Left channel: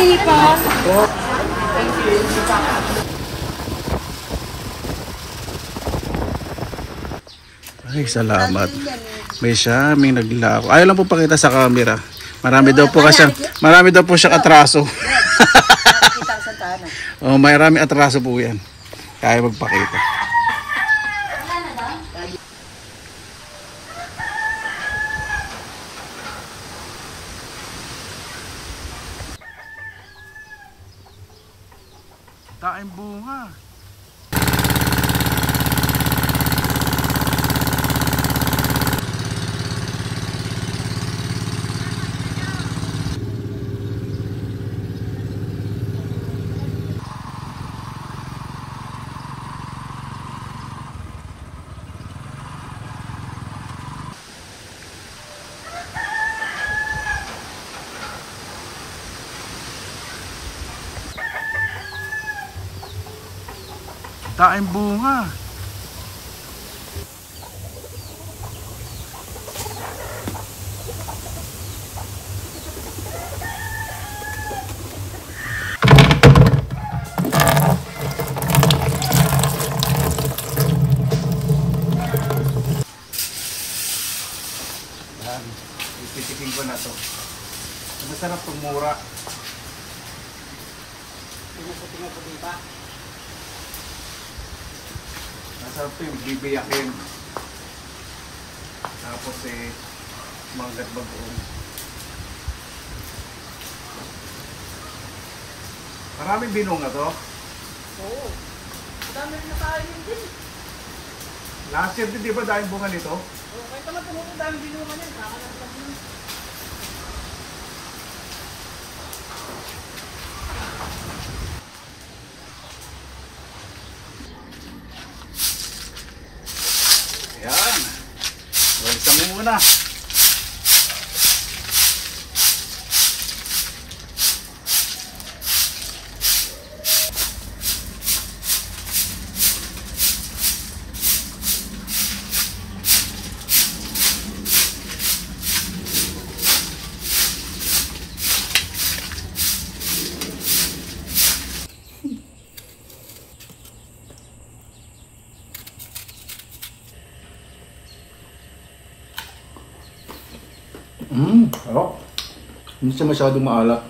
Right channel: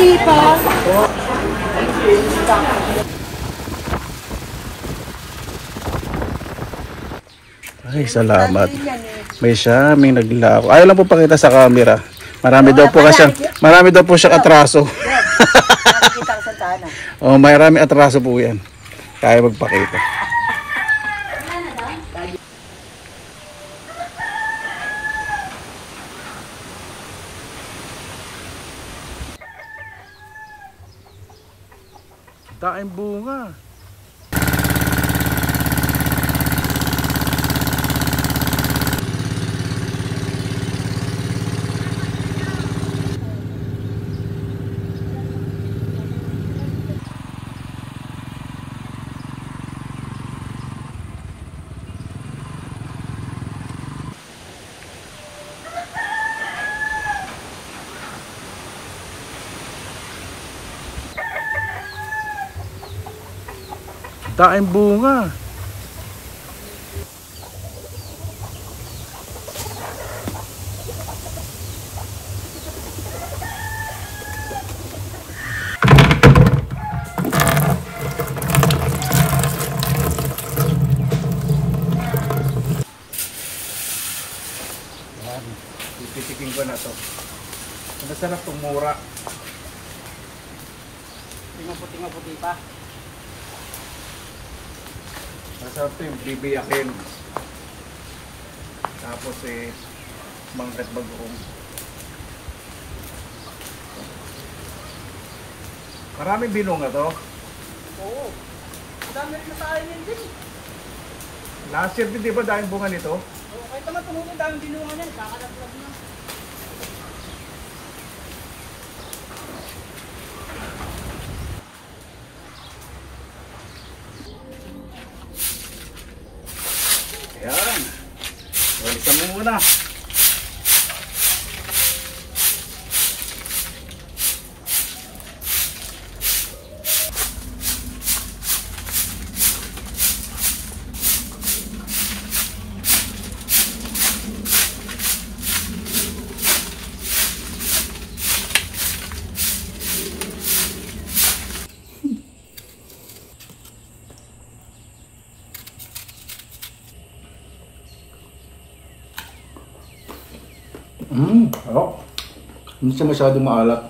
Ay, salamat. May naglako. Ayaw lang po pakita sa camera. Marami daw po siyang atraso. Oh, marami atraso po yan. Kaya magpakita. Daing bunga. Daing bunga. Pipitikin ko na to. Masarap itong mura. Tingnan pa. Masarap ito yung bibiyakin. Tapos manggat bagoong. Maraming binunga to. Oo. Dami rin sa akin yan din. Last year din, di ba daming bunga nito? Ito lang tumuto daming binunga yan. Ayan. Balikan mo muna. Harap. Hindi siya masyadong maalat.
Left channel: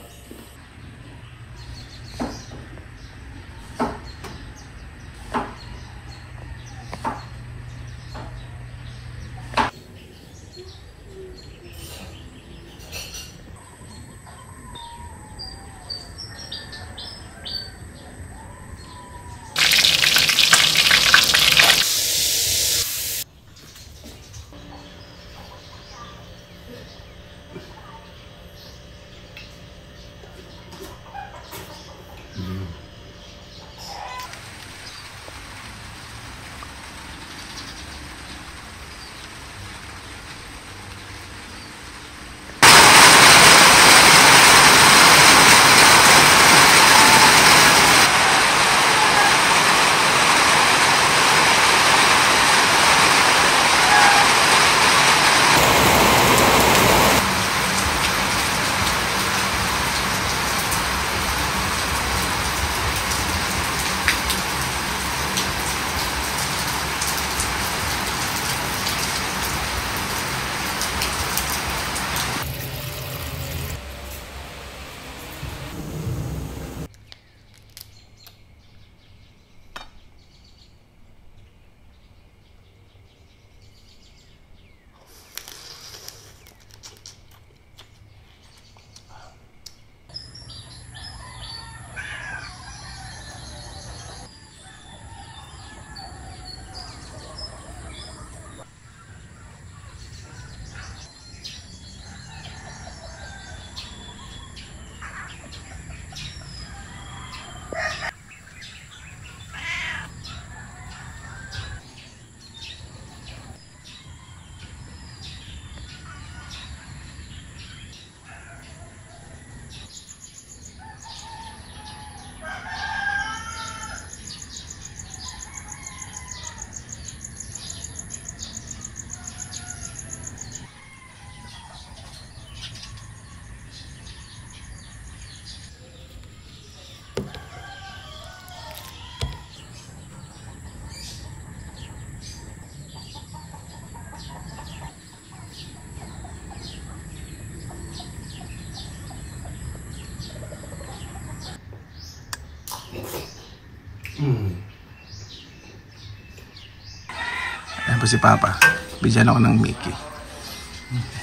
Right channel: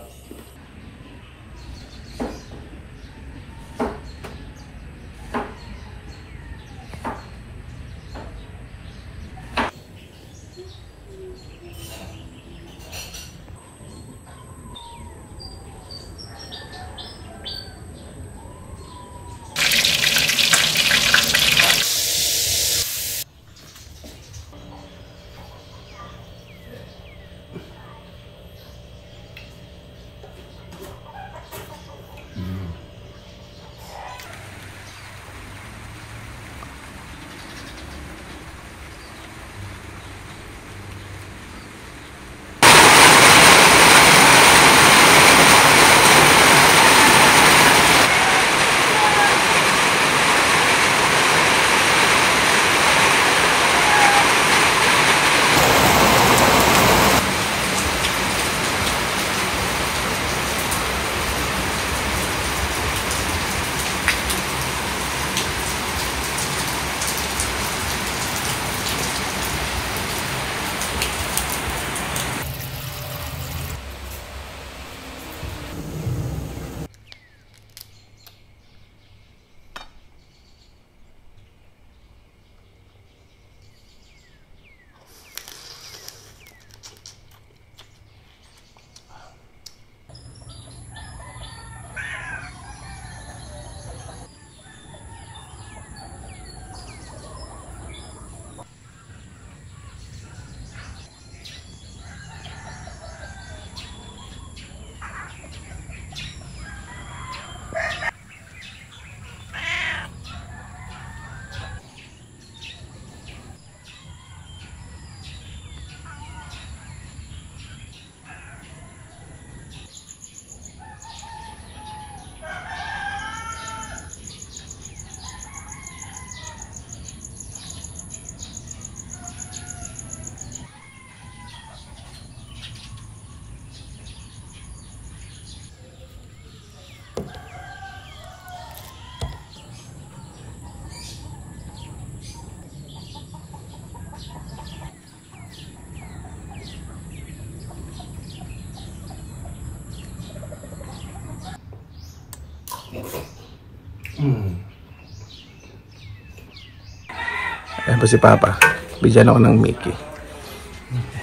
Tapos si Papa, bigyan ako ng Mickey.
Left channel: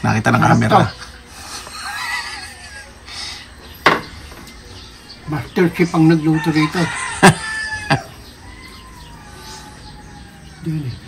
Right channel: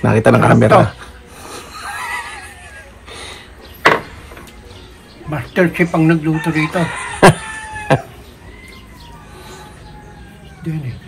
Nakita ng camera. Master chef ang nagluto rito. Diyan eh.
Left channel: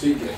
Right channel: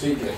Sige.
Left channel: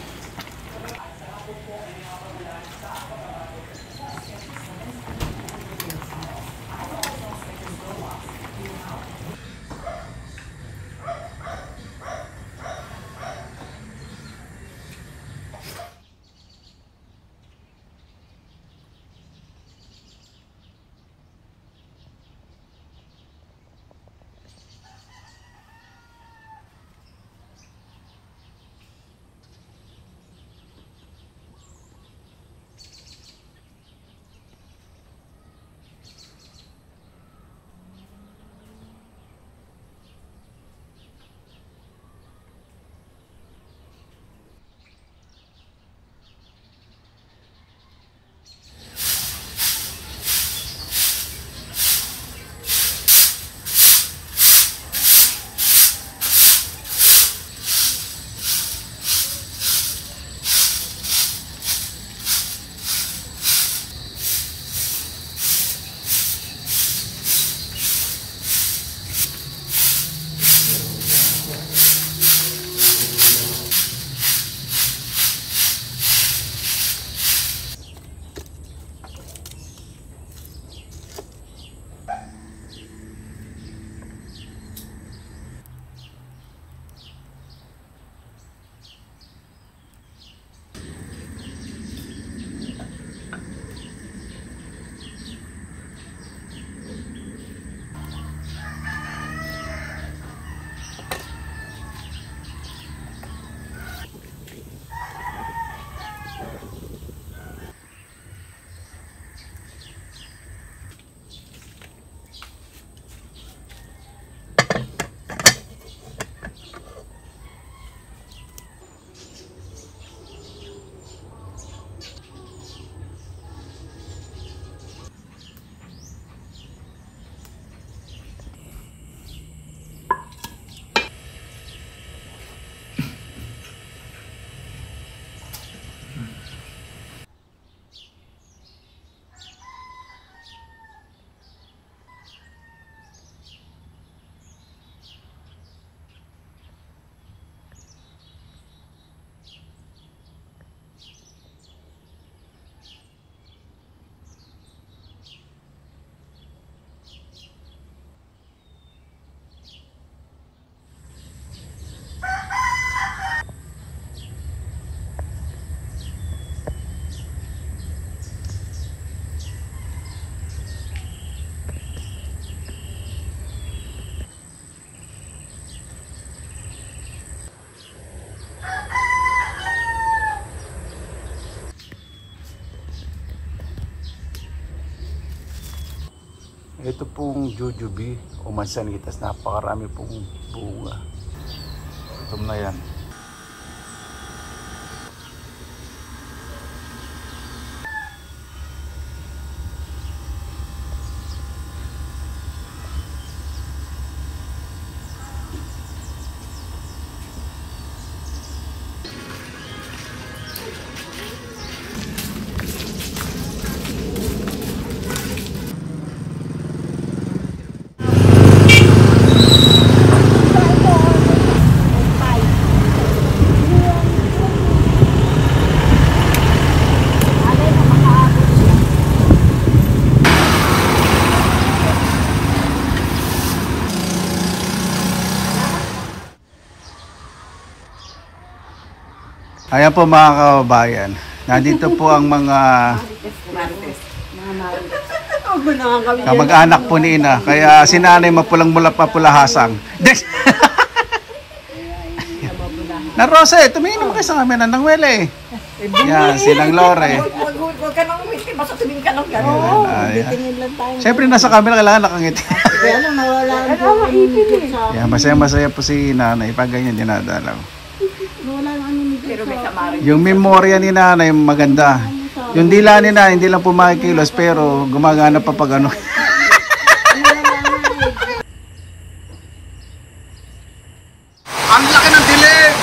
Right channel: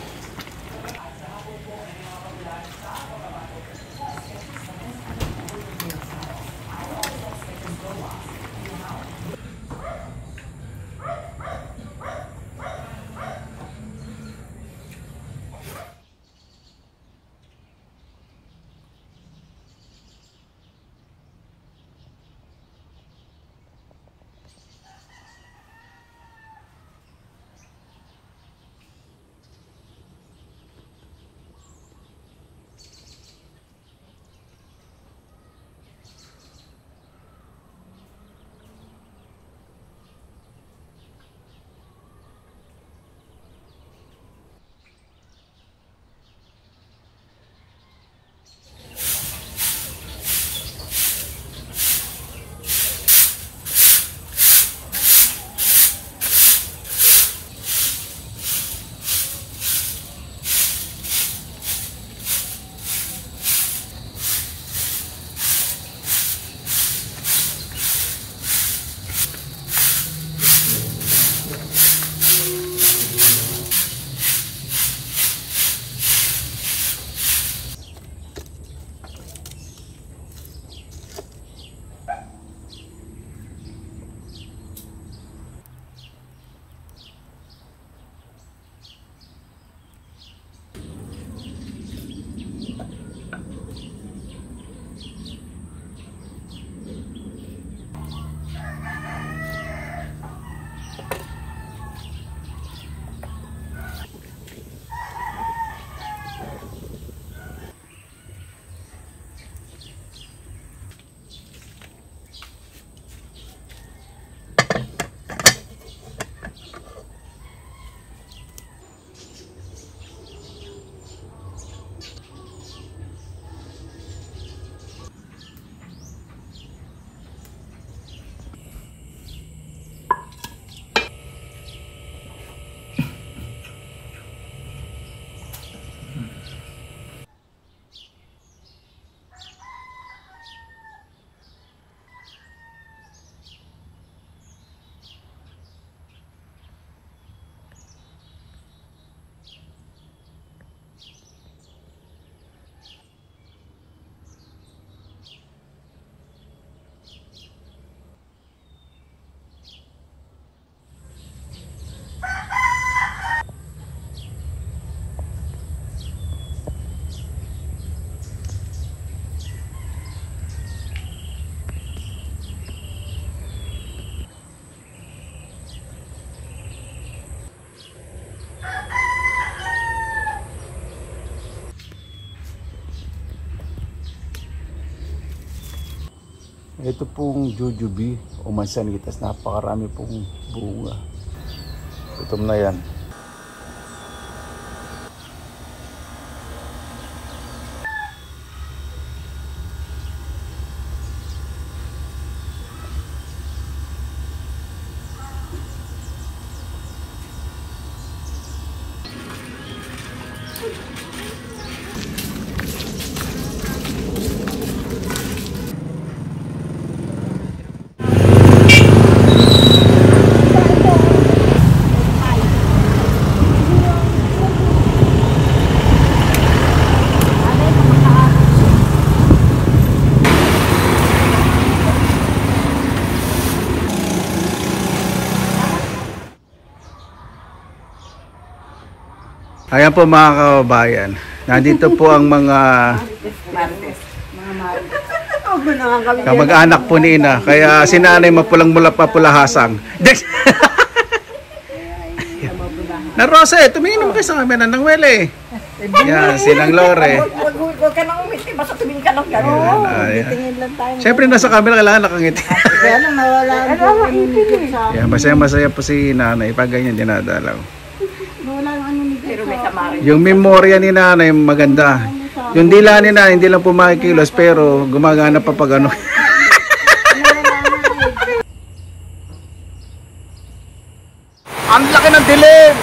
Ito pong jujube o mansanitas, napakarami pong bunga. Gutom na yan. Ayan po mga kababayan, nandito po ang mga kamag-anak po ni Ina, kaya si Nanay mapulang mula papulahasang. Na Rose, tumingin mo kayo sa kamera ng Wele. Yan, sinang Lore. Huwag ka nang umiti, basta tumingin ka lang gano'n. Titingin lang tayo. Siyempre nasa camera kailangan nakangiti. Kaya nang nawala ang buong sa... Yan, masaya-masaya po si Nanay pag ganyan dinadalaw. Nawala ang ano ni pero may samarin. Yung memorya ni Nanay maganda. Yung dila ni Nanay hindi lang po makikilos pero gumagana pa pag ano. Ang laki ng dilim!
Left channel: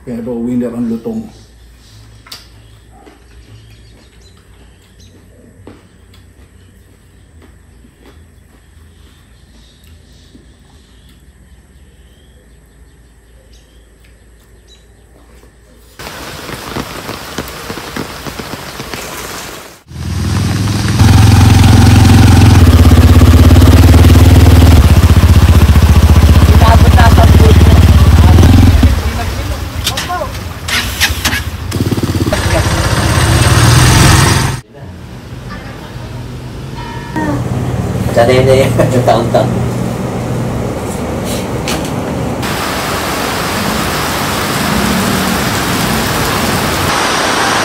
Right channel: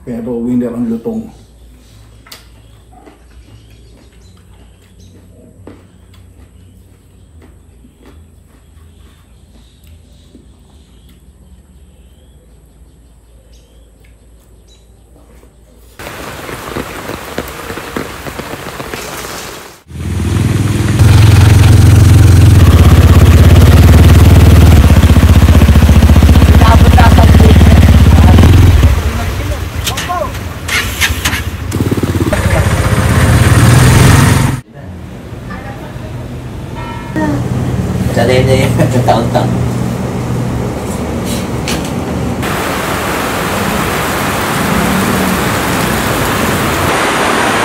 Pero winner ang lutong. Sa dede, taon-taon.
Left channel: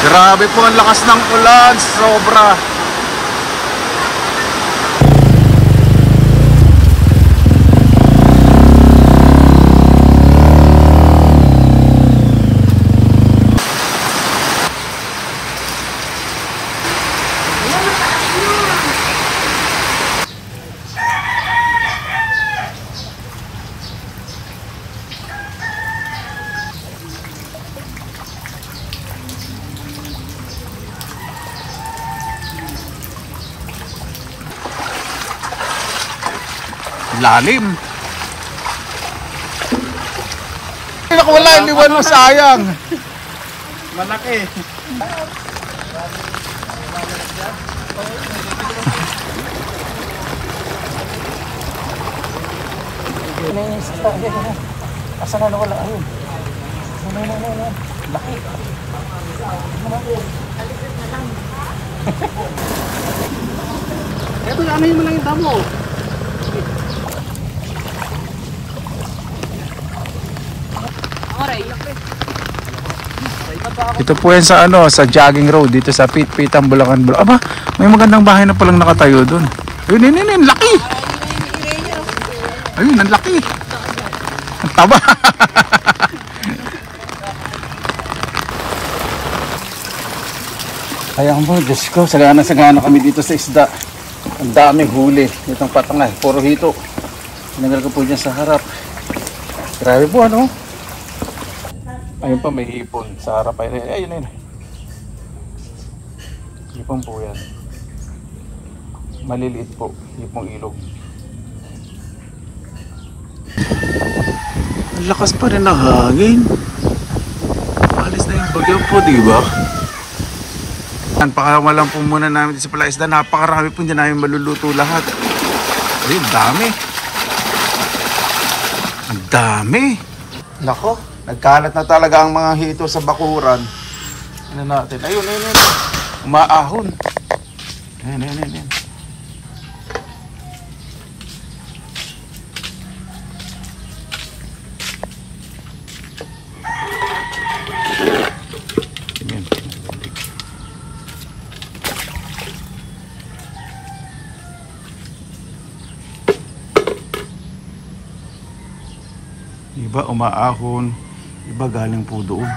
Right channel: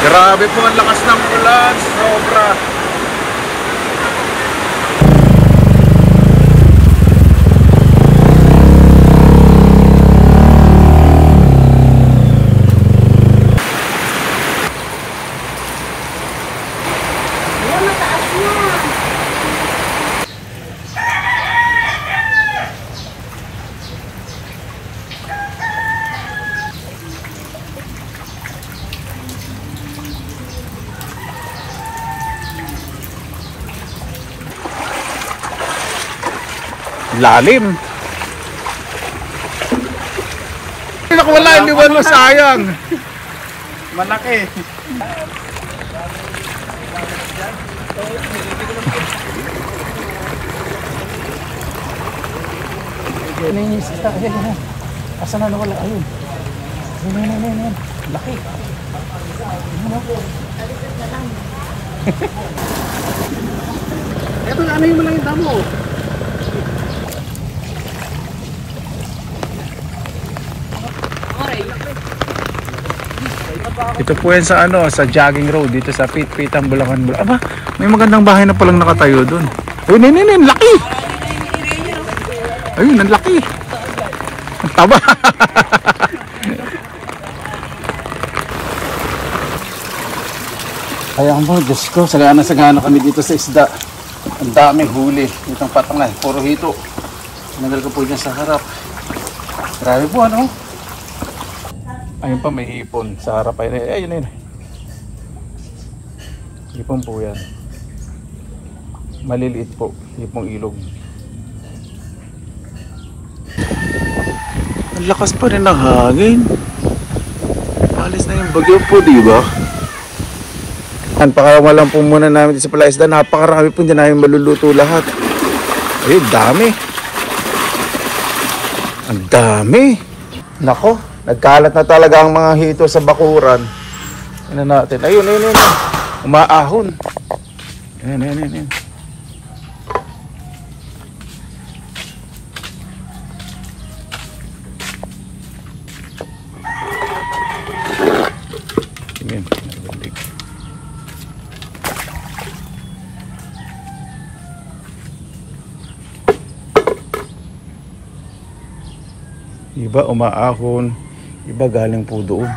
Grabe po ang lakas ng ulan, sobra. Lalim. Wala, iniwan mo, sayang. Malaki. Asan na wala? Ayun. Laki. Ito na, ano yung malaki damo? Ito po yan sa ano, sa jogging road dito sa Pitpitan, Bulacan. Aba, may magandang bahay na palang nakatayo doon. Ayun, ayun, laki. Ayun, ang laki. Ang taba. Kaya mo, Diyos ko, sagana kami dito sa isda. Ang daming huli. Itong patangay, puro hito. Sinangal ko po dyan sa harap. Grabe po, ano? Ayun pa, may hipon sa harap. Ayun, ayun. Hipon po yan. Maliliit po, hipong ilog. Ang lakas pa rin ng hangin. Alis na yung bagyo po, di ba? Pakarawa lang po muna namin sa Palaisda. Napakarami po dyan namin maluluto lahat. Ayun, dami. Ang dami. Nako, nagkalat na talaga ang mga hito sa bakuran. Ano natin? Ayun, ayun, ayun. Umaahon. Ayun, ayun, ayun, ayun. Iba umaahon, iba galing po doon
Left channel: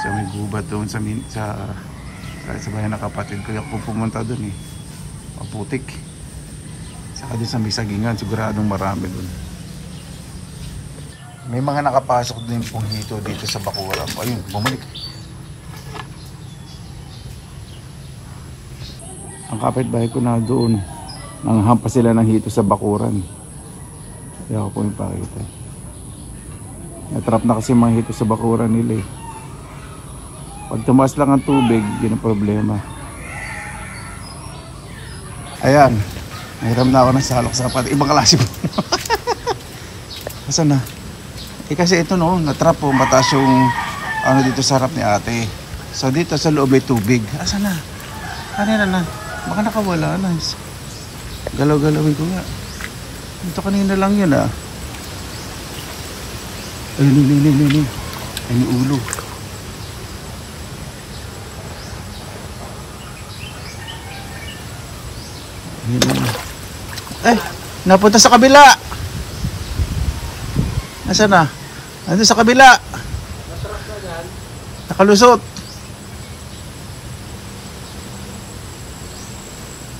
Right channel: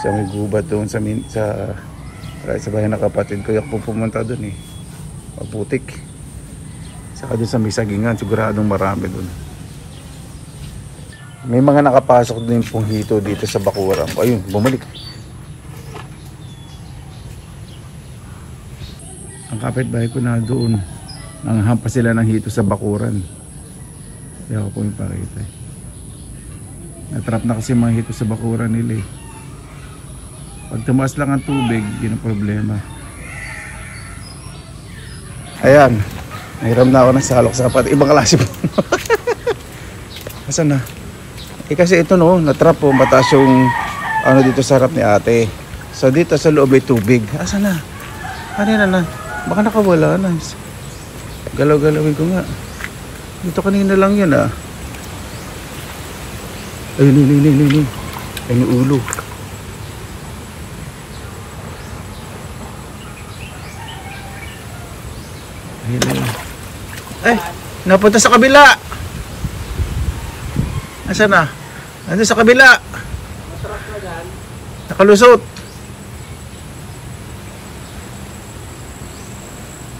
sa may gubat doon sa bahay ng kapatid ko. Yak po pumunta doon eh, Maputik. Saka doon sa may sagingan, siguradong marami doon. May mga nakapasok din pong hito dito sa bakuran. Ayun, bumalik. Ang kapitbahay ko na doon, nanghampas sila ng hito sa bakuran. Kaya ako po yung pakita. Natrap na kasi mga hito sa bakuran nila eh. Pag tumaas lang ang tubig, yun ang problema. Ayan, nahiram na ako ng salok sa kapat. Ibang klase po. Asan na? Eh kasi ito no, natrap po, mataas yung ano dito sa harap ni ate. So dito sa loob ay tubig. Asan na? Kanina na. Baka nakawala na. Galaw-galawin ko nga. Dito kanina lang yun ah. Ayun, ayun, ayun, ayun. Ayun yung ulo. Ayun, ayun. Ay, napunta sa kabila. Nasaan na? Nandun sa kabila. Nakalusot.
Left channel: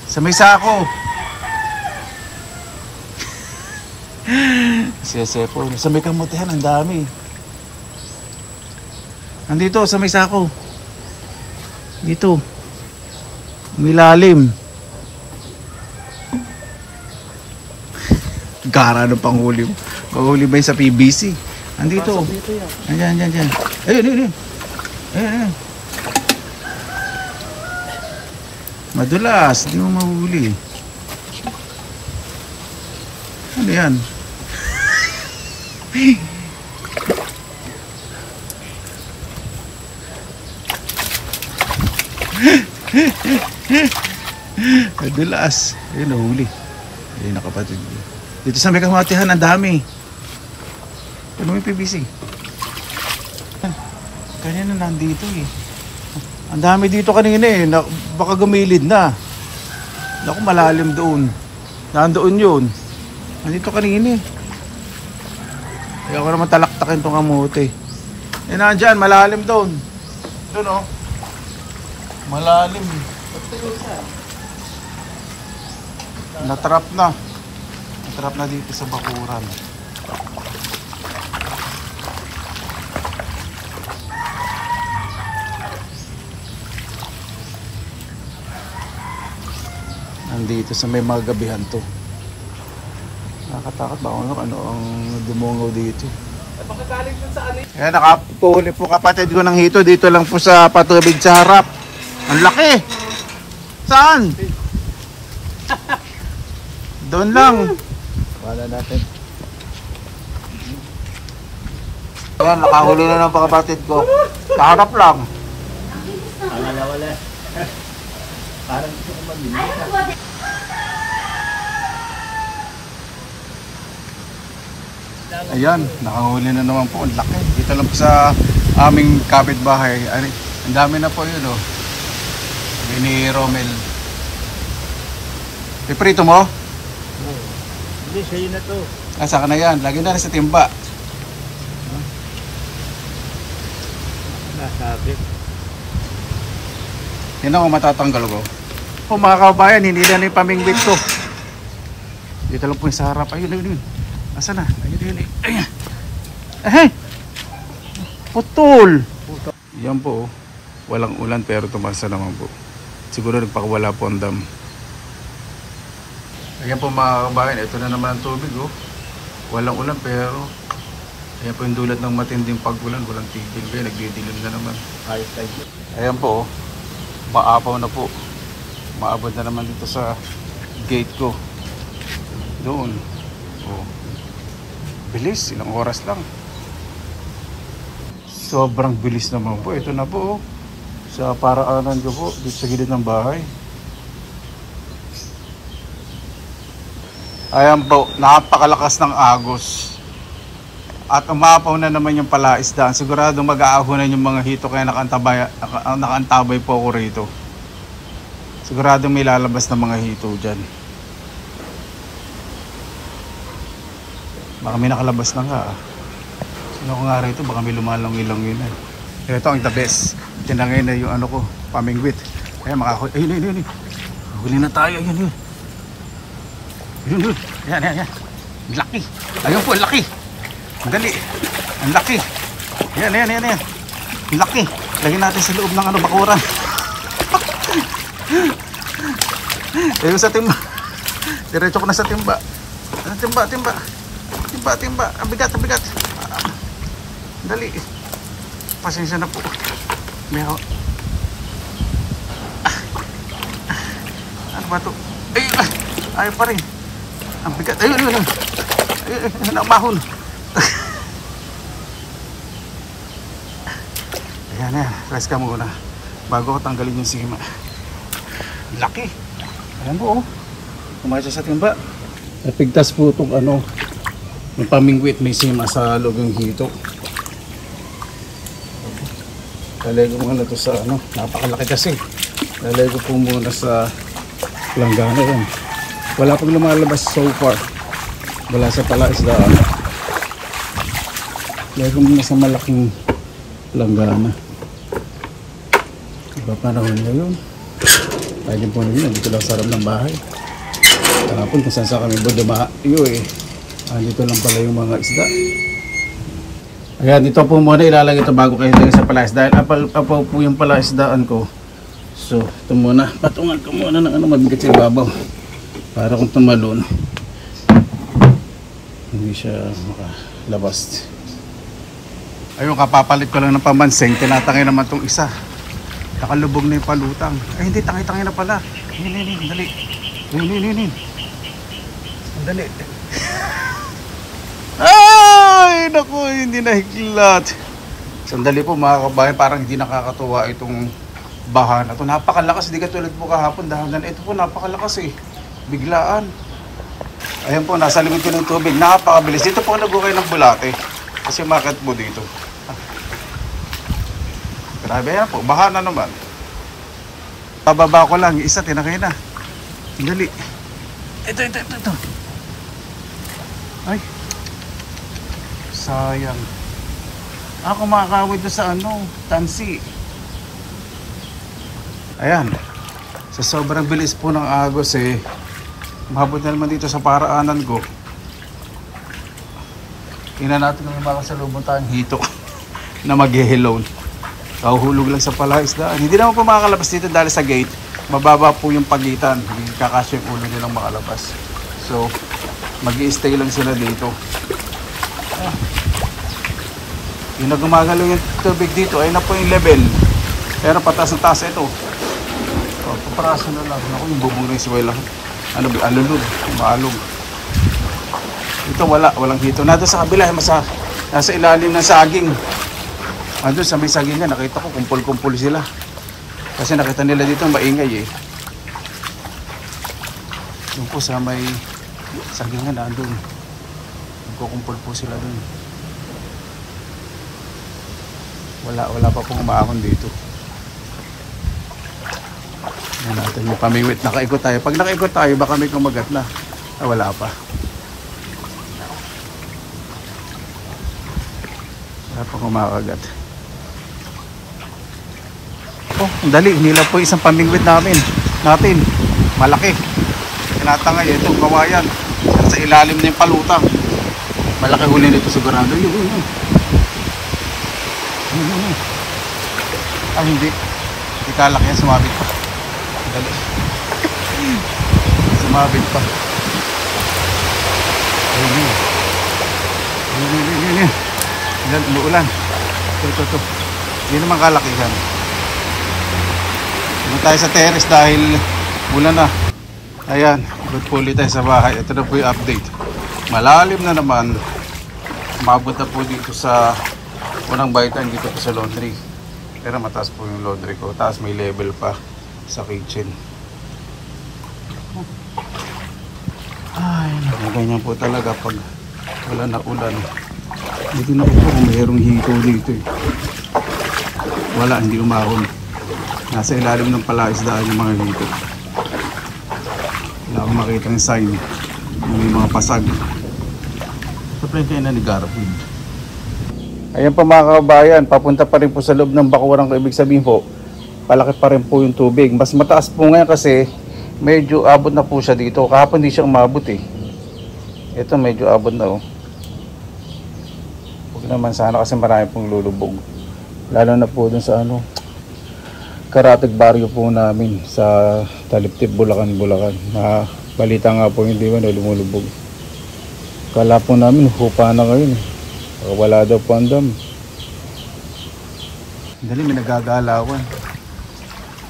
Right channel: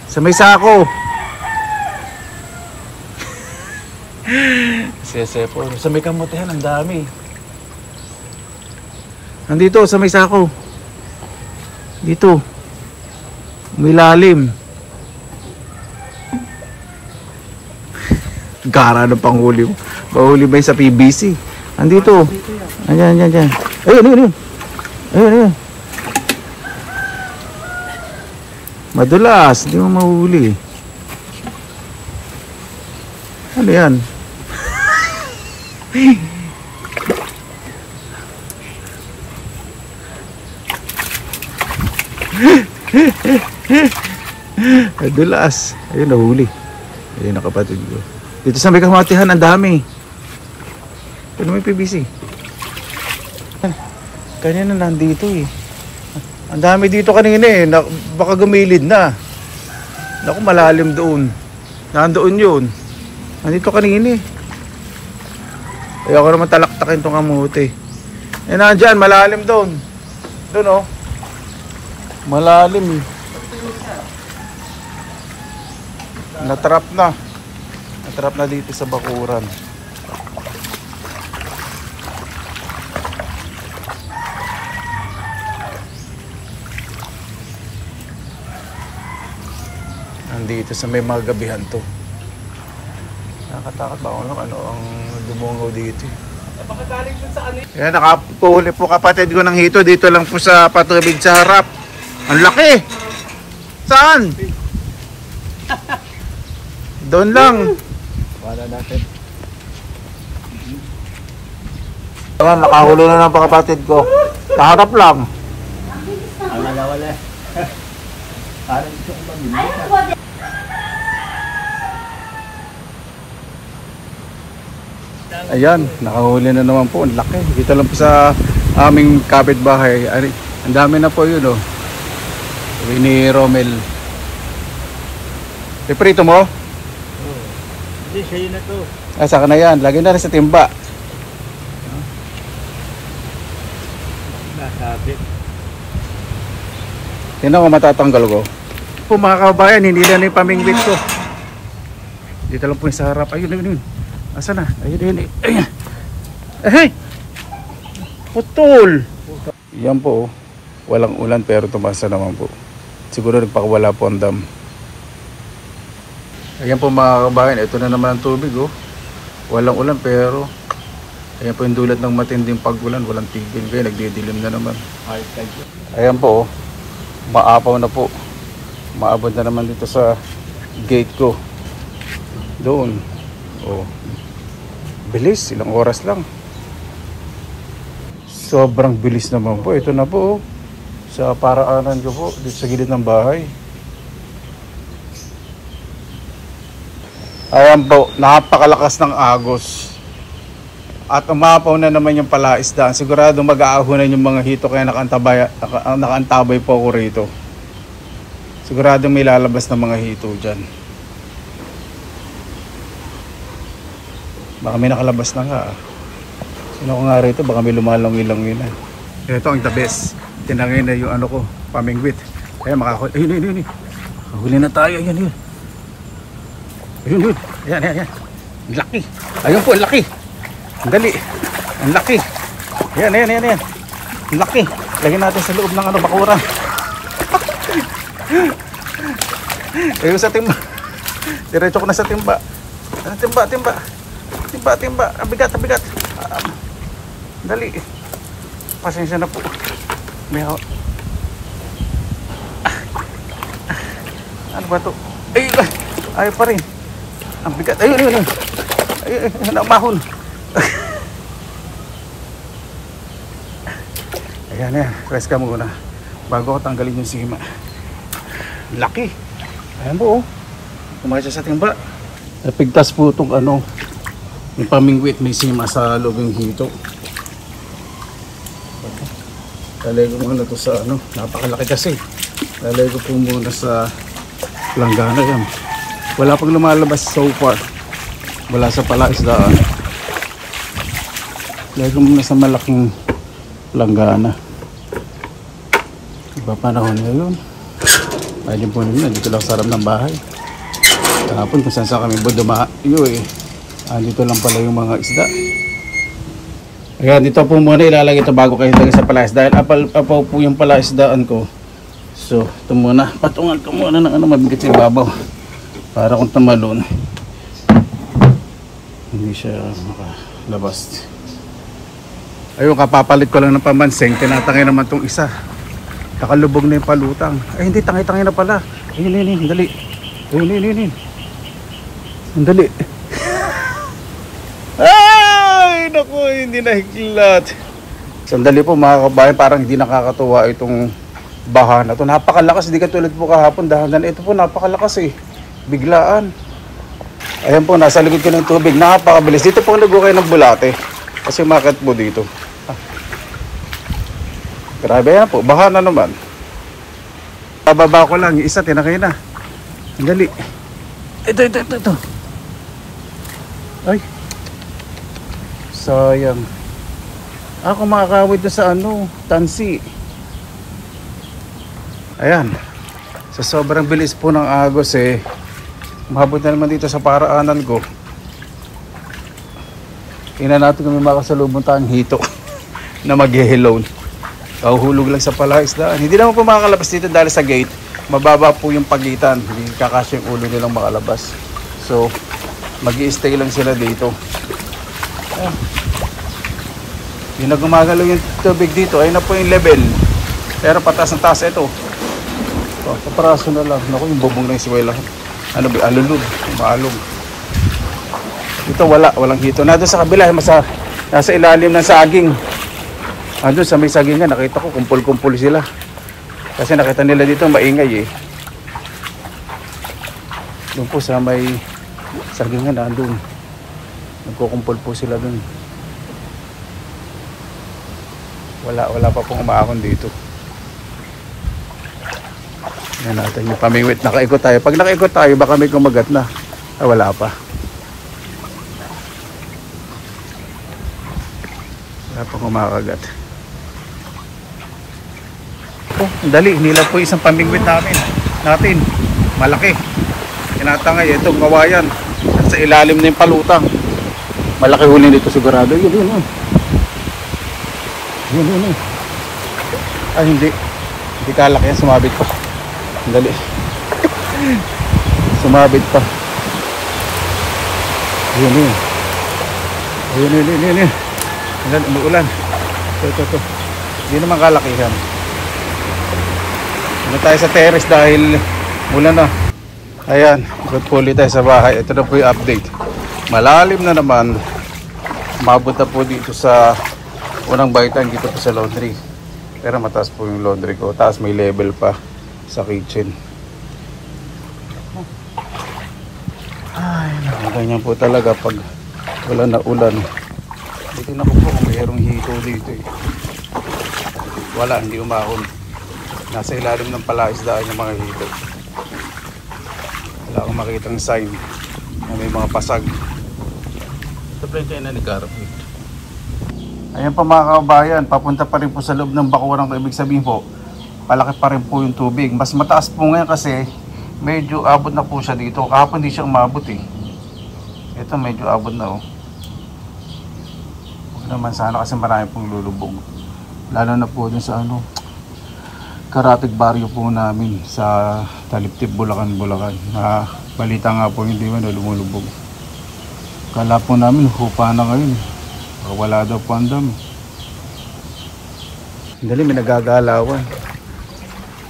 Sa may sako. Siyese po. Sa may kamutihan, ang dami. Nandito sa may sako. Dito. May lalim. Gara ng panghuli mo. Mahuli ba yun sa PBC? Andito. Ayan. Ayun. Madulas. Hindi mo mahuli. Ano yan? Madulas. Ayun, nahuli. Ayun, nakapatid ko. Dito sa may kamatihan, ang dami. Ano may PVC? Kanina nandito eh. Ang dami dito kanina eh. Baka gumilid na. Naku, malalim doon. Nandoon yun. Nandito kanina eh. Ayoko naman talaktakin itong kamote. Eh nandyan, malalim doon. Doon oh. Malalim eh. Natrap na. Natrap na dito sa bakuran. Nandito sa may mga gabihan to. Nakatakot ba ako ano ang dumungaw dito? Yan, nakapuhuli po kapatid ko ng hito. Dito lang po sa patubig sa harap. Ang laki! Saan? Doon lang. Wala natin. Ayan, nakahuli na ng kapatid ko. Sa harap lang. Wala. Parang gusto ko mag-inis. Ayan, nakahuli na naman po. Ang laki. Dito lang po sa aming kapitbahay. Ang dami na po yun, oh. Sabi ni Romel. Iprito mo? Oo. Hindi, sa'yo na to. Ah, saka na yan. Lagyan na rin sa timba. Nasabit. Tingnan ko matatanggal ko. Po mga kabayan, hindi na yung pamingwit ko. Dito lang po yung sa harap. Ayun. Asa na? Ayun. Ayun. Eh! Putol! Yan po. Walang ulan pero tumasa naman po. Siguro nagpakawala po ang dam. Ayan po mga kabayan. Ito na naman ang tubig oh. Walang ulan pero ayan po yung dulot ng matinding pag-ulan. Walang tigil. Kaya nagdidilim na naman. Ayan po oh. Maapaw na po. Maabot na naman dito sa gate ko. Doon. Oh. Bilis, ilang oras lang. Sobrang bilis naman po. Ito na po. Sa paraanan ko po. Dito sa gilid ng bahay. Ayan po. Napakalakas ng agos. At umapaw na naman yung palaisdaan. Sigurado mag-aahunan yung mga hito. Kaya nakaantabay po ako rito. Sigurado may lalabas na mga hito dyan. Baka may nakalabas na nga. Sino ko nga rito? Baka may lumalangin-langin na. Ito ang the best. Tinangay na yung ano ko, pamingwit. Kaya makahuli. Ayun. Huli na tayo. Ayun. Ayan. Ang laki. Ayun po, ang laki. Ang dali. Ang laki. Ayan. Ang laki. Lagyan natin sa loob ng ano, bakuran. Ayun sa timba. Diretso ko na sa timba. Timba. Ang bigat. Dali. Pasensya na po. May ano ba to? Ayaw pa rin. Ang bigat. Ayun. Nakabahon. Ayan. Rest ka muna. Bago ko tanggalin yung sima. Laki. Ayan po. Kumain sa timba. Napigtas po itong ano. Yung pamingwit, may sima sa loob yung hito. Lalagay ko muna ito sa ano, napakalaki kasi. Lalagay ko po muna sa langgana yan. Wala pang lumalabas so far. Wala sa palaisdaan. Lalagay ko muna sa malaking langgana. Iba panahon ngayon. Pwede po nyo, dito lang sa harap ng bahay. Kahapon kung saan sa kami dumayo eh. Dito lang pala yung mga isda. Ayan, dito po muna ilalagay ito bago kayo lagay sa palayas. Dahil apaw po yung palaisdaan ko. So, ito muna. Patungan ko muna ng mabigat sa ibabaw. Para kung tumalon, hindi siya makalabas. Ayun, kapapalit ko lang ng pamansing. Tinatangay naman tong isa. Nakalubog na yung palutang. Ay, hindi, tangay-tangay na pala. Ayun, dali. Ayun. Dali. Ay, naku, hindi nahiklat. Sandali po mga kabayan, parang hindi nakakatuwa itong baha na ito. Napakalakas, hindi katulad po kahapon. Dahan-dahan, ito po napakalakas eh. Biglaan. Ayan po, nasa likod ko ng tubig. Napakabilis. Dito po nagukay ng bulate. Kasi market po dito. Grabe yan po, baha na naman. Bababa ko lang, yung isa tinakay na. Dali. Ito. Ay. Sayang. Ako makakawid doon sa tansi. Ayan. Sa sobrang bilis po ng agos mahabot na naman dito sa paraanan ko. Tingnan natin kung may makasalubong tayong hito na mag-hello. Kahuhulog lang sa palaisdaan. Hindi naman po makakalabas dito dahil sa gate. Mababa po yung pagitan. Hindi kakasya yung ulo nilang makalabas. So, mag-i-stay lang sila dito. Yung nagumagalaw yung tubig dito ay na po yung level. Pero pataas na taas ito. So, paparaso na lang. Naku, yung bubong na yung suwela. Alulod. Maalog. Ito walang hito. Nado sa kabila. Nasa ilalim ng saging. Andun sa may saging nga, nakita ko kumpul-kumpul sila. Kasi nakita nila dito maingay Doon po sa may saging nga, nandun. Nagkukumpul po sila doon. Wala pa pong umaakon dito. Yan natin yung pamingwit. Nakaikot tayo. Pag nakaikot tayo, baka may kumagat na. Wala pa. Wala pa kumakagat. Oh, dali, nila po isang pamingwit natin. Malaki. Tinatangay ito, kawayan. Sa ilalim na yung palutang. Malaki huli nito sigurado. Yun. Ay, hindi kalaki yan, sumabit pa. Dali. Sumabit pa. Yun. Umuulan. Ito. Hindi naman kalaki yan. Tayo sa terrace dahil ulan na. Ayan, good po ulit tayo sa bahay. Ito na po yung update. Malalim na naman. Mabot na po dito sa unang bahitan dito po sa laundry. Pero mataas po yung laundry ko. Taas may level pa sa kitchen. Ay, ganyan po talaga pag wala na ulan. Dito na po kung mayroong hito dito Wala, hindi umahon. Nasa ilalim ng palaisdaan yung mga hito. Wala akong makitang sign na may mga pasag. Sa plente na ni Garfield. Ayan po mga kabayan, papunta pa rin po sa loob ng bakuran ko. Ibig sabihin po, palaki pa rin po yung tubig. Mas mataas po ngayon kasi medyo abot na po siya dito. Kahapon hindi siya umabot Ito medyo abot na Huwag naman sana kasi marami pong lulubog. Lalo na po dun sa Karatig baryo po namin sa Taliptip, Bulacan. Balita nga po hindi man lumulubog. Kala po namin hupa na ngayon. Wala daw po ang dami. Dali, may nagagalawan.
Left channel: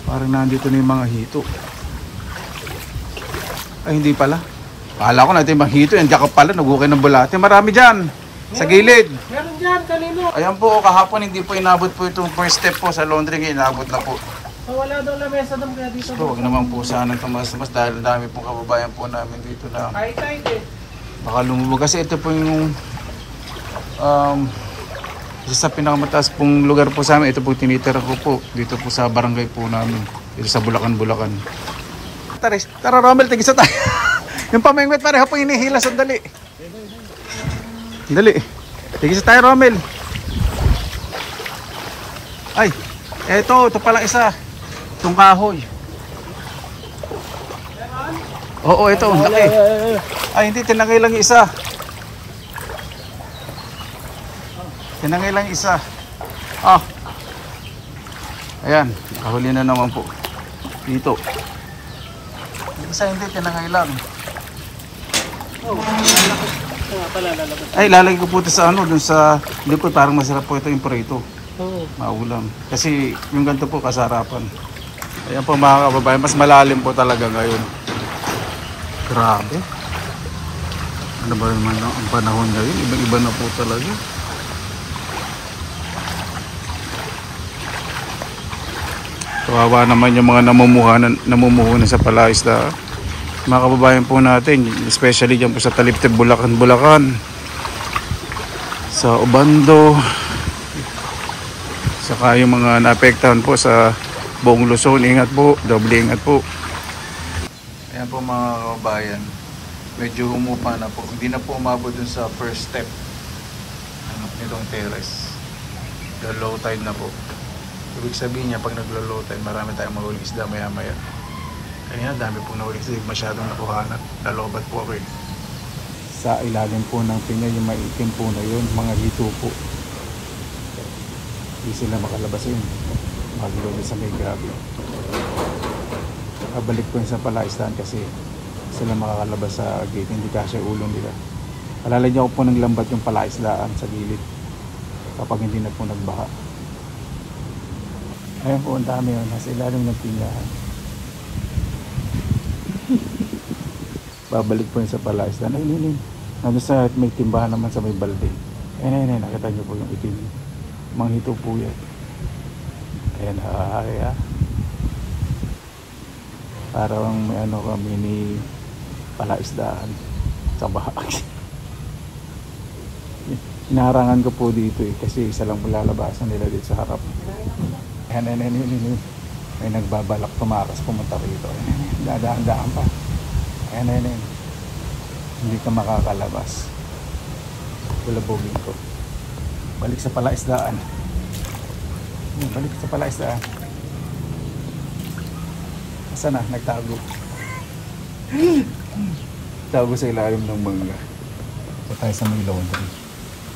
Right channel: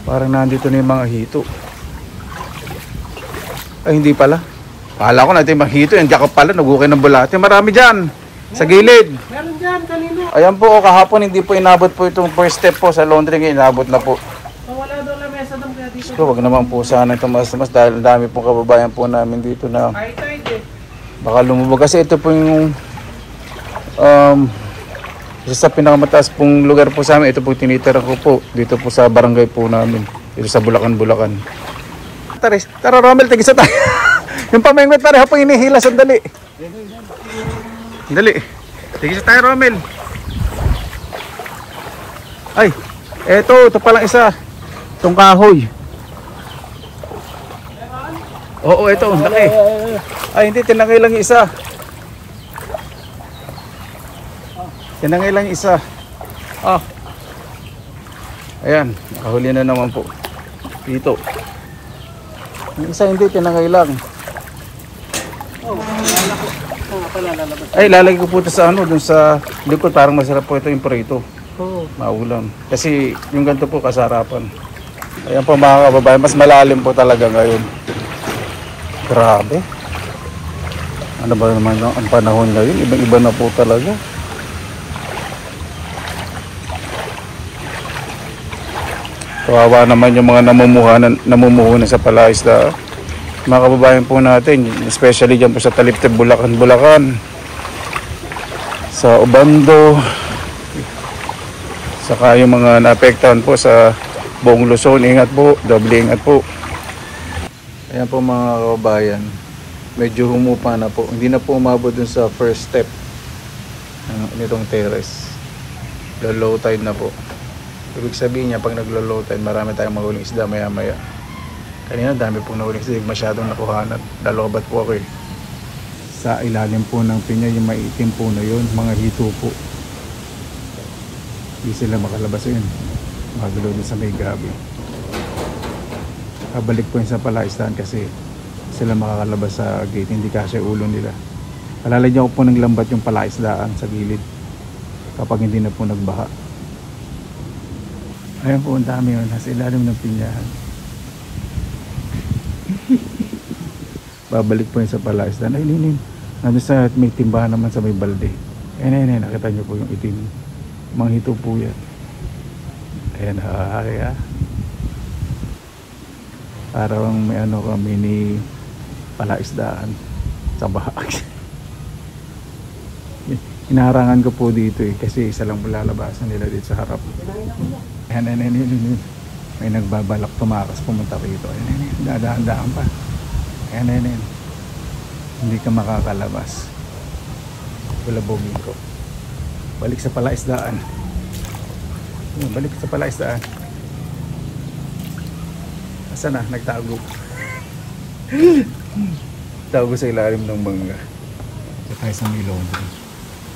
Parang nandito na yung mga hito. Ay, hindi pala. Kala ko natin yung mga hito. Yan dyan ka pala, nagukay ng bulate. Marami dyan. Sa gilid. Meron dyan, kanino? Ayan po, kahapon hindi po inabot po itong first step po sa laundry. Inabot na po. Wala daw na mesa doon kaya dito. So, wag naman po sana tumas-tumas dahil dami pong kababayan po namin dito na baka lumubog. Kasi ito po yung isa sa pinakamataas pong lugar po sa amin. Ito po tinitira ko po dito po sa barangay po namin. Dito sa Bulacan. Tara Romel, tigisa tayo. Yung pamengwet pareho po hinihila. Sandali. Tigisa tayo Romel. Ay, ito palang isa. Itong kahoy. Oo, ito, laki. Ay, hindi, tinangay lang yung isa. Tinangay lang isa. Ah. Ayan, kahuli na naman po. Dito. Yung isa hindi, tinangay lang. Ay, lalagay ko po ito sa ano, dun sa likod. Parang masarap po ito yung prito. Oo. Maulam. Kasi yung ganito po kasarapan. Ayan po mga kababayan, mas malalim po talaga ngayon. Grabe. Ano ba naman ang panahon ngayon? Ibang-iba na po talaga. Kawawa naman yung mga namumuhunan sa palaisda. Mga kababayan po natin, especially dyan po sa Taliptib, Bulacan, sa Obando, saka yung mga naapektahan po sa buong Luzon. Ingat po, doble ingat po. Ayan po mga kababayan, medyo humupa na po. Hindi na po umabot dun sa first step nitong terrace. Low tide na po. Ibig sabihin niya, pag naglo-low tide, marami tayong mahuling isda maya-maya. Kanina dami pong nahuling isda, masyadong nakuhanat. Dalobat po ako eh. Sa ilalim po ng pinya, yung maitim po na yun, mga hito po. Hindi sila makalabas yun. Magulo sa may grabe. Pabalik po yun sa palaisdahan kasi sila makakalabas sa gate, hindi kasi ulo nila. Palalagyan ko po ng lambat yung palaisdaan sa gilid kapag hindi na po nagbaha. Ayun po, ang dami yun. Nasa ilalim ng pinyahan. Babalik po yun sa palaisdaan. Ay, ninin. Nandun sa may timbahan naman sa may balde. Ayun. Nakita nyo po yung itim. Mga hito po yan. Ayan, kaya. Parang may ano kami ni palaisdaan sa bahag. Inaharangan ko po dito eh. Kasi isa lang lalabasan nila dito sa harap. Ayan. May nagbabalak tumakas pumunta rito. Ayan. Dadaan pa. Ayan. Hindi ka makakalabas. Kulabogin ko. Balik sa palaisdaan. Balik sa palaisdaan. Saan na? Nagtago. Tago sa ilalim ng bangga. Sa tayo sa may laundry.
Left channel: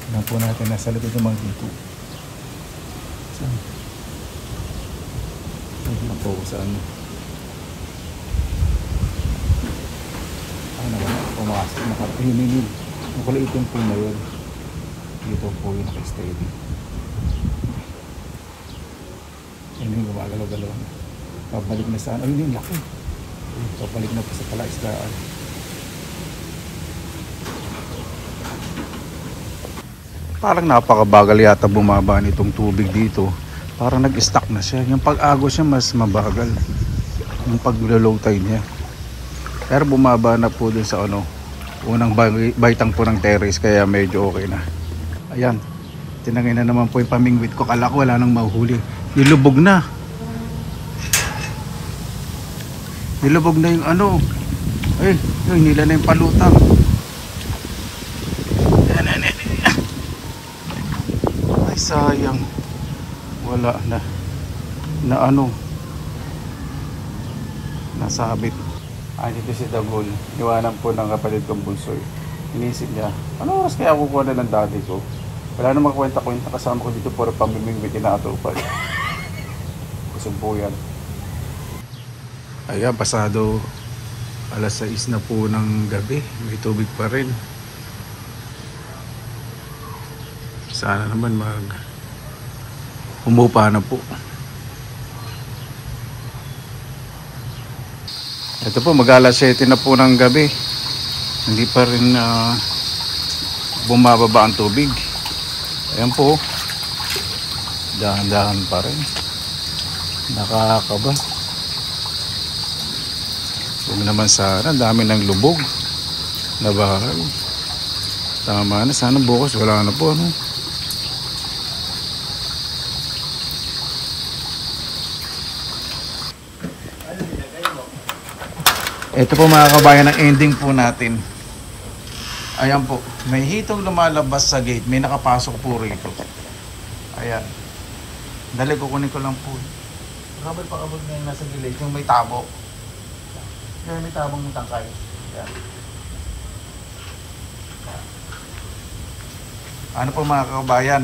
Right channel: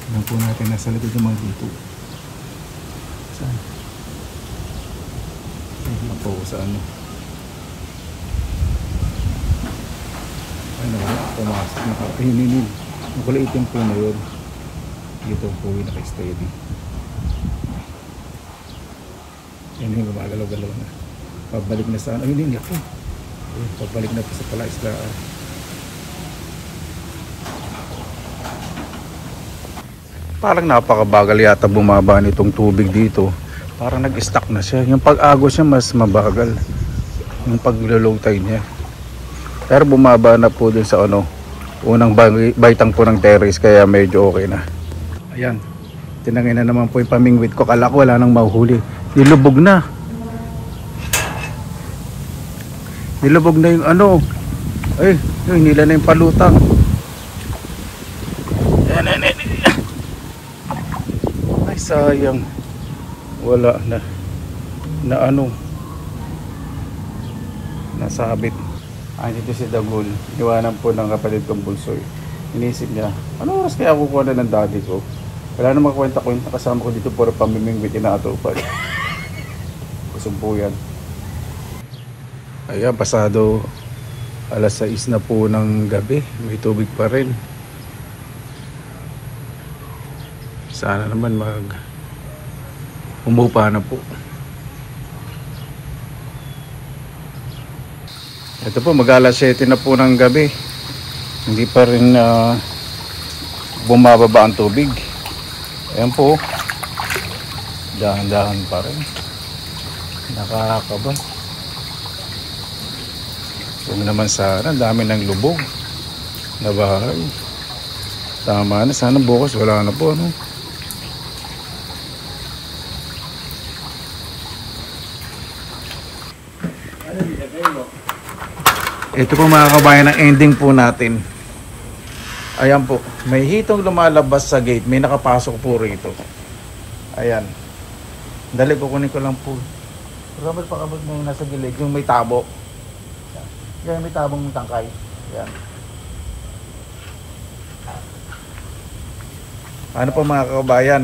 Alam po natin nasa likod ng mga dito. Saan? Hindi po sa ano. Pumasok. Hinin. Ang kulay itim po na yun. Dito po yung naka-steady. Yun yung gumagalaw-galaw na. Pabalik na sa ano. Ayun yung laki. Pabalik na po sa palaisdaan. Parang napakabagal yata bumaba nitong tubig dito. Parang nag-stuck na siya. Yung pag-agos niya mas mabagal. Yung pag-low tide niya. Pero bumaba na po dun sa ano, unang baitang po ng terrace, kaya medyo okay na. Ayan, tinangay na naman po yung pamingwit ko. Kala ko wala nang mahuhuli. Nilubog na. Nilubog na yung ano. Ay, yung nila na yung palutang. Ayan. Ay, sayang. Wala na. Na ano. Nasabit. Ay, ito si Dagul. Iwanan po ng kapatid kong bunsoy. Inisip niya, ano oras kaya kukuha na ng daddy ko? Wala na makakwenta ko yung kasama ko dito para pamimingwit inaatupad. Kusog po yan. Ayan, pasado alas 6 na po ng gabi. May tubig pa rin. Sana naman umupa na po. Ito po, mag-alas 7 na po ng gabi. Hindi pa rin bumababa ang tubig. Ayan po. Dahan-dahan pa rin. Nakakaba. Huwag naman sana. Dami ng lubog na bahay. Tama na. Sana bukas wala na po. Ano? Ito po mga kabayan, ang ending po natin. Ayan po, may hitong lumalabas sa gate. May nakapasok po rito. Ayan. Dali, kukunin ko lang po. Robert, pakabot na yung nasa gilid. Yung may tabo. Yan, may tabong tangkay. Ayan. Ano po mga kabayan,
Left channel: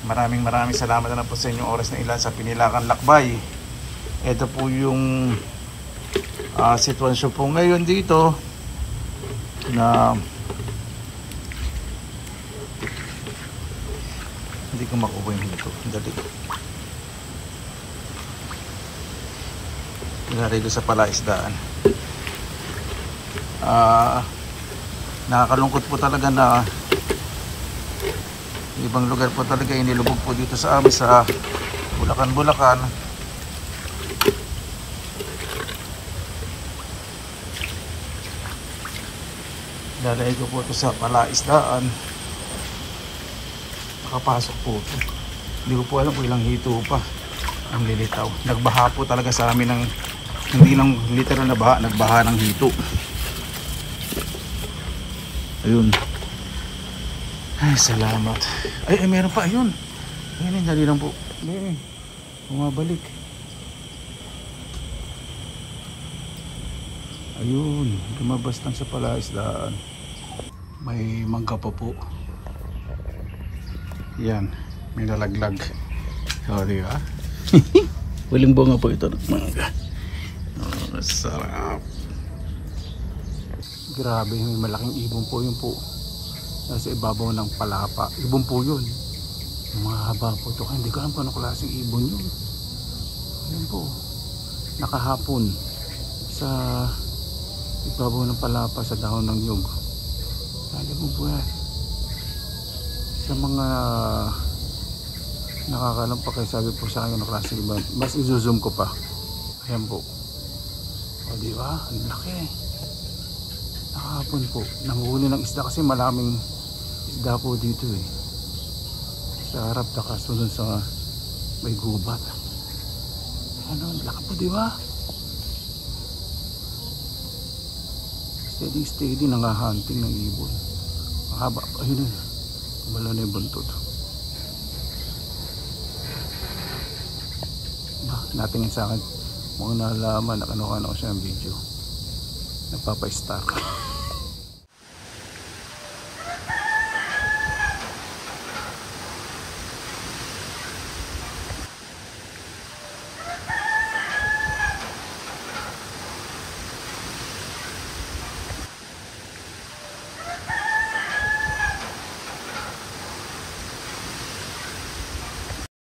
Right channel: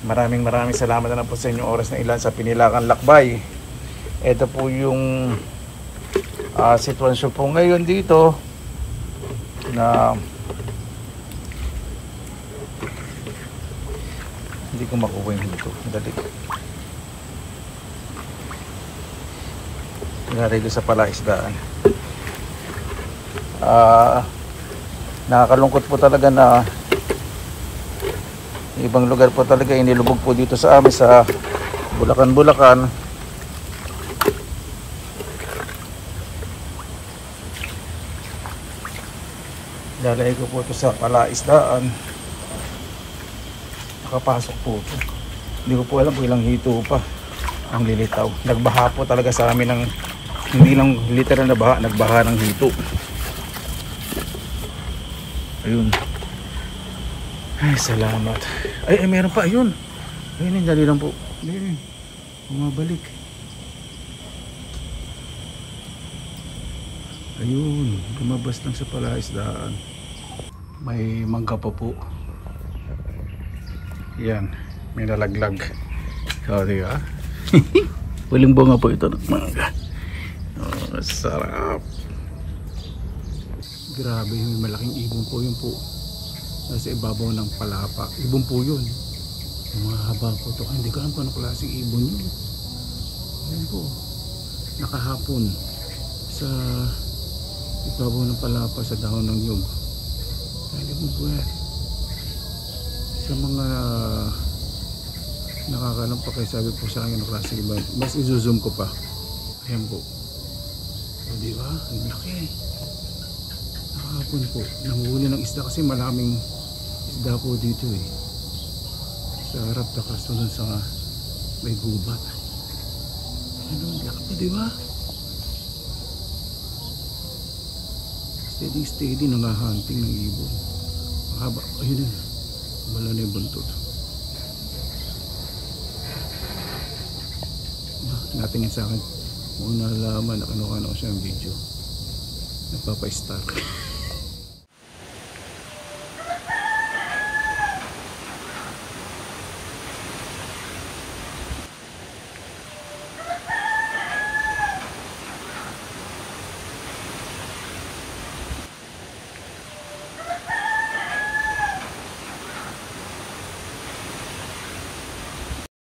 Maraming salamat na po sa inyong oras na ilan sa Pinilakan Lakbay. Ito po yung sitwasyon po ngayon dito na hindi ko makuha yung hito. Dali. Pinarito sa palaisdaan. Nakakalungkot po talaga na ibang lugar po talaga inilubog po dito sa amin sa Bulacan. Lalagay ko po ito sa palaisdaan. Nakapasok po ito. Hindi ko po alam kung ilang hito pa ang lilitaw. Nagbaha po talaga sa amin ng hindi lang literal na baha, nagbaha ng hito. Ayun. Ay, salamat. Ay, meron pa. Ayun. Ayun, dali lang po. Ayun. Bumabalik. Ayun. Lumabas lang sa palaisdaan. May mangga pa po. Yan. May nalaglag. O, diba? Walang bunga po ito ng mangga. Oh, sarap. Grabe, may malaking ibon po yun po. Nasa ibabaw ng palapa. Ibon po yun. Mahaba po ito. Hindi ko alam po anong klaseng ibon yun. Ayan po. Nakahapon sa ibabaw ng palapa sa dahon ng nyug. Kaya mo po yan. Sa mga nakakalam pa kayo, sabi po sa akin anong klaseng ibon. Mas i-zoom ko pa. Ayan po. O diba? Ang laki. Hapon po, nanguhuli ng isda kasi maraming isda po dito eh. Sa harap takas dun sa may gubat. Ano, laki po diba? Steady nangahunting ng ibon. Mahaba, ayun yun. Wala na yung buntot. Natingin sa akin. Mukhang nalaman na kinuha ko siya ng video. Nagpapa-star.